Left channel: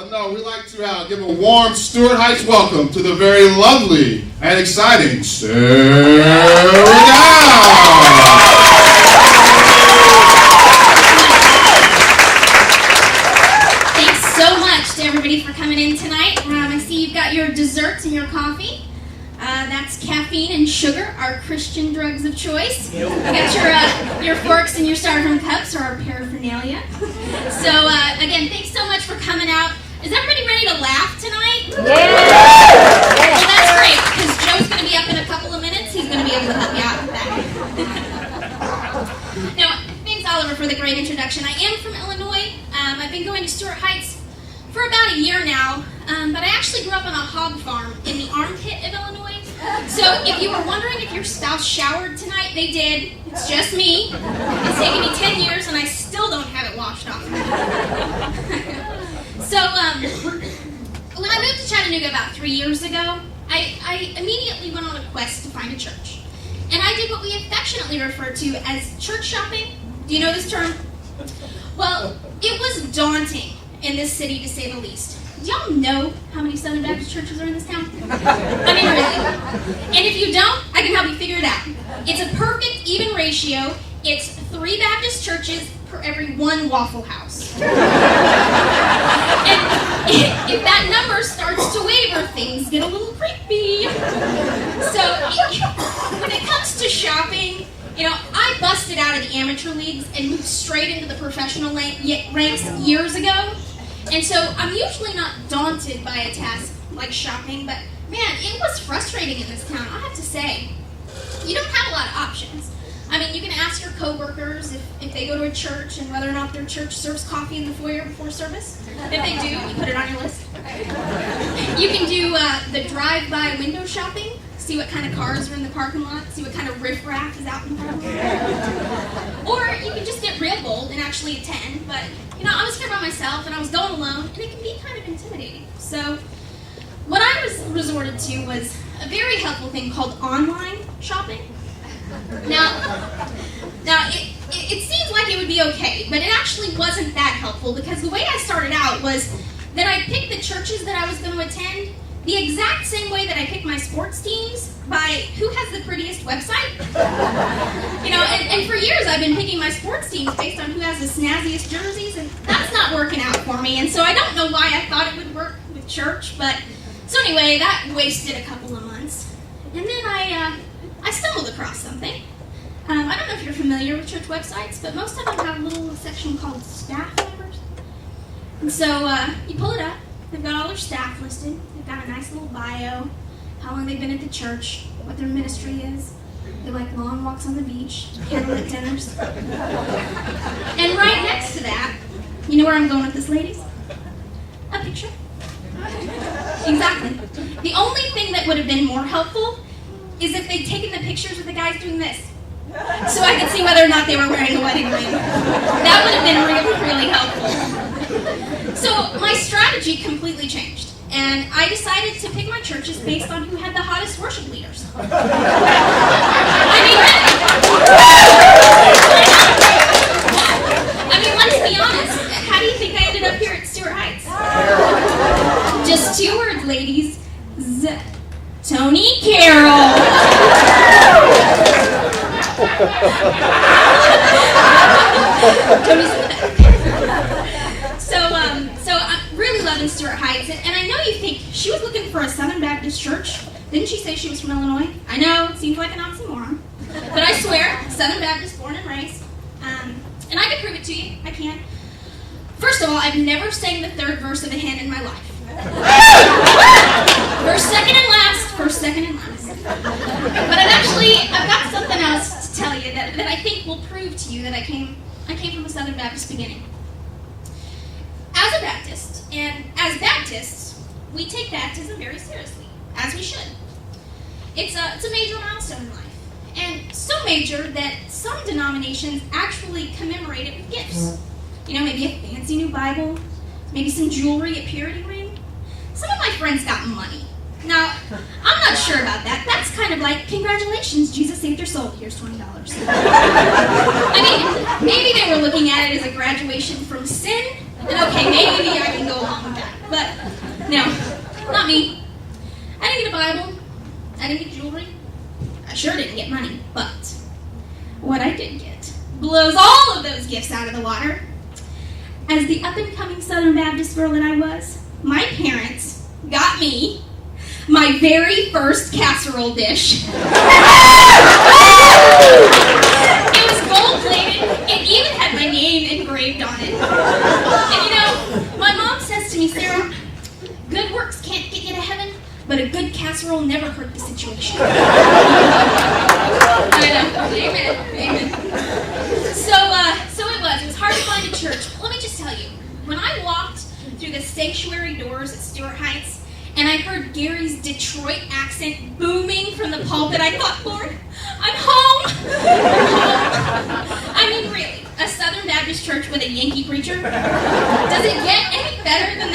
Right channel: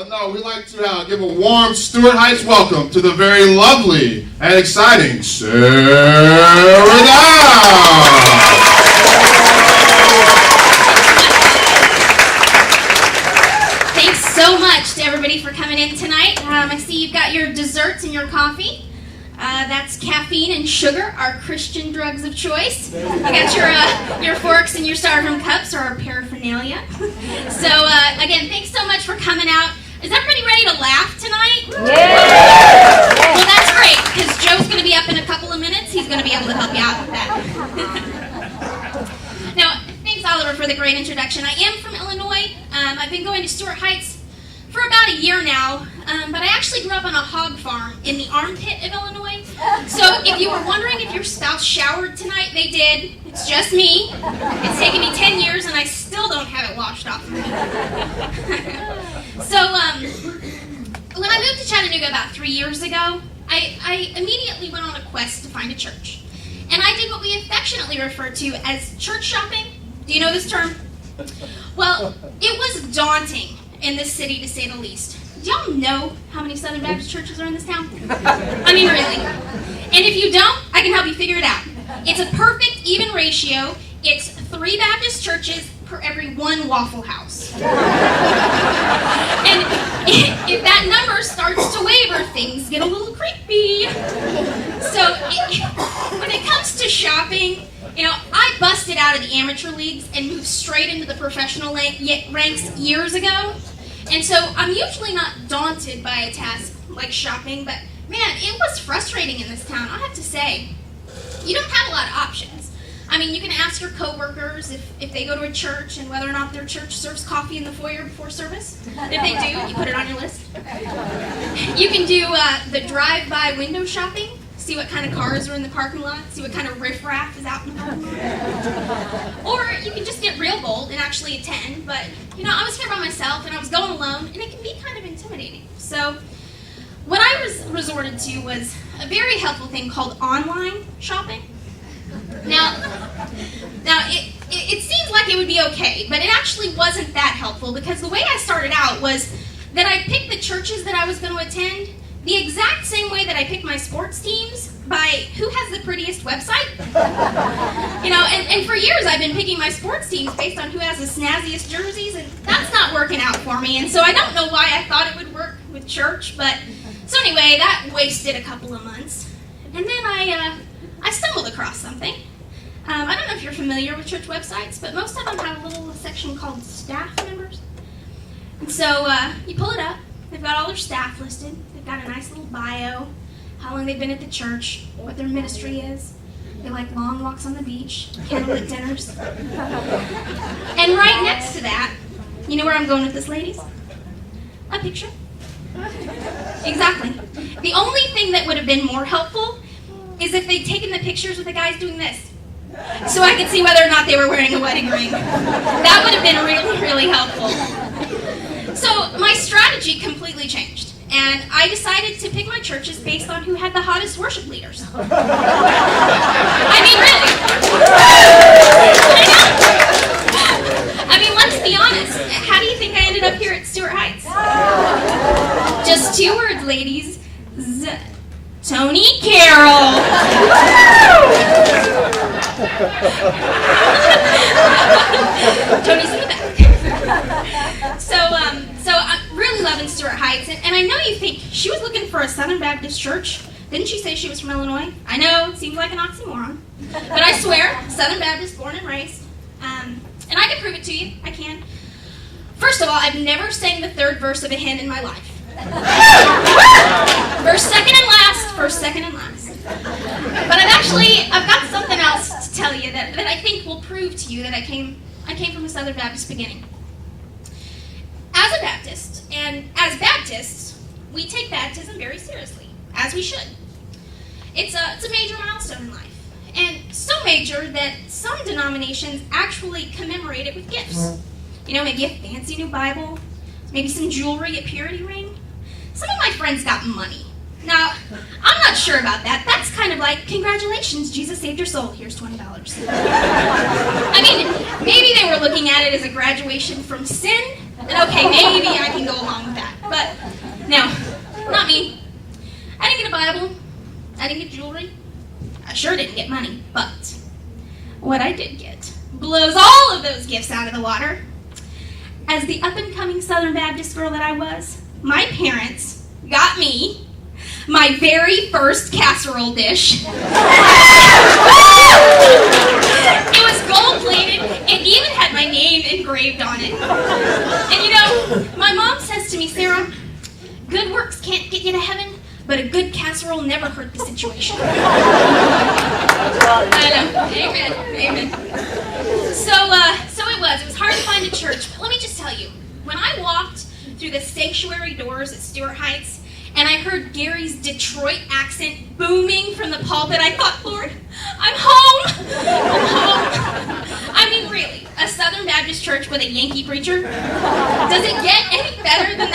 But no, we like to give a warm Stuart Heights welcome to the very lovely and exciting Sarah Dow. To everybody for coming in tonight. I see you've got your desserts and your coffee. That's caffeine and sugar, our Christian drugs of choice. You got your forks and your styrofoam cups, or our paraphernalia. So again, thanks so much for coming out. Is everybody ready to laugh tonight? Yeah. Well, that's great, because Joe's going to be up in a couple of minutes. He's going to be able to help you out with that. Now, thanks Oliver for the great introduction. I am from Illinois. I've been going to Stuart Heights for about a year now, but I actually grew up on a hog farm in the armpit of Illinois. So if you were wondering if your spouse showered tonight, they did. It's just me. It's taken me 10 years and I still don't have it washed off. So when I moved to Chattanooga about 3 years ago, I immediately went on a quest to find a church. And I did what we affectionately refer to as church shopping. Do you know this term? Well, it was daunting in this city, to say the least. Do y'all know how many Southern Baptist churches are in this town? I mean, really. And if you don't, I can help you figure it out. It's a perfect, even ratio. It's 3 Baptist churches per every 1 Waffle House. And if that number starts to waver, things get a little creepy. So when it comes to shopping, you know, I busted out of the amateur leagues and moved straight into the professional ranks years ago. And so I'm usually not daunted by a task like shopping, but man, it was frustrating in this town, I have to say. You don't have a lot of options. I mean, you can ask your coworkers if they go to a church and whether or not their church serves coffee in the foyer before service. If they do, you put it on your list. You can do the drive-by window shopping. See what kind of cars are in the parking lot, see what kind of riffraff is out in front. Or you can just get real bold and actually attend, but you know, I was here by myself and I was going alone, and it can be kind of intimidating. So what I resorted to was a very helpful thing called online shopping. Now it seems like it would be okay, but it actually wasn't that helpful, because the way I started out was that I picked the churches that I was going to attend the exact same way that I pick my sports teams, by who has the prettiest website. You know, and for years I've been picking my sports teams based on who has the snazziest jerseys, and that's not working out for me. And so I don't know why I thought it would work with church, but so anyway, that wasted a couple of months. And then I stumbled across something. I don't know if you're familiar with church websites, but most of them have a little section called staff members. And so you pull it up. They've got all their staff listed. They've got a nice little bio, how long they've been at the church, what their ministry is. They like long walks on the beach, candlelit dinners. And right next to that, you know where I'm going with this, ladies? A picture. Exactly. The only thing that would have been more helpful is if they'd taken the pictures with the guys doing this, so I could see whether or not they were wearing a wedding ring. That would have been really, really helpful. So my strategy completely changed, and I decided to pick my churches based on who had the hottest worship leaders. I mean, let's be honest. How do you think I ended up here at Stuart Heights? Just 2 words, ladies. Tony Carroll. Tony's in the back. So I'm really loving Stuart Heights, and I know you think she was looking for a Southern Baptist church. Didn't she say she was from Illinois? I know, it seems like an oxymoron, but I swear, Southern Baptist, born and raised. And I can prove it to you. I can. First of all, I've never sang the 3rd verse of a hymn in my life. First, second, and last. First, second, and last. But I've got something else to tell you that I think will prove to you that I came from a Southern Baptist beginning. As a Baptist, and as Baptists, we take baptism very seriously, as we should. It's a major milestone in life, and so major that some denominations actually commemorate it with gifts. You know, maybe a fancy new Bible, maybe some jewelry, a purity ring. Some of my friends got money. Now, I'm not sure about that. That's kind of like, congratulations, Jesus saved your soul. Here's $20. I mean, maybe they were looking at it as a graduation from sin. And okay, maybe I can go along with that. But no, not me. I didn't get a Bible. I didn't get jewelry. I sure didn't get money. But what I did get blows all of those gifts out of the water. As the up-and-coming Southern Baptist girl that I was, my parents got me my very first casserole dish. It was gold-plated. It even had my name engraved on it. And you know, my mom says to me, Sarah, good works can't get you to heaven, but a good casserole never hurt the situation. I know. Amen. So it was hard to find a church. But let me just tell you, when I walked through the sanctuary doors at Stuart Heights, and I heard Gary's Detroit accent booming from the pulpit, I thought, Lord, I'm home. I mean, really, a Southern Baptist church with a Yankee preacher? Does it get any better than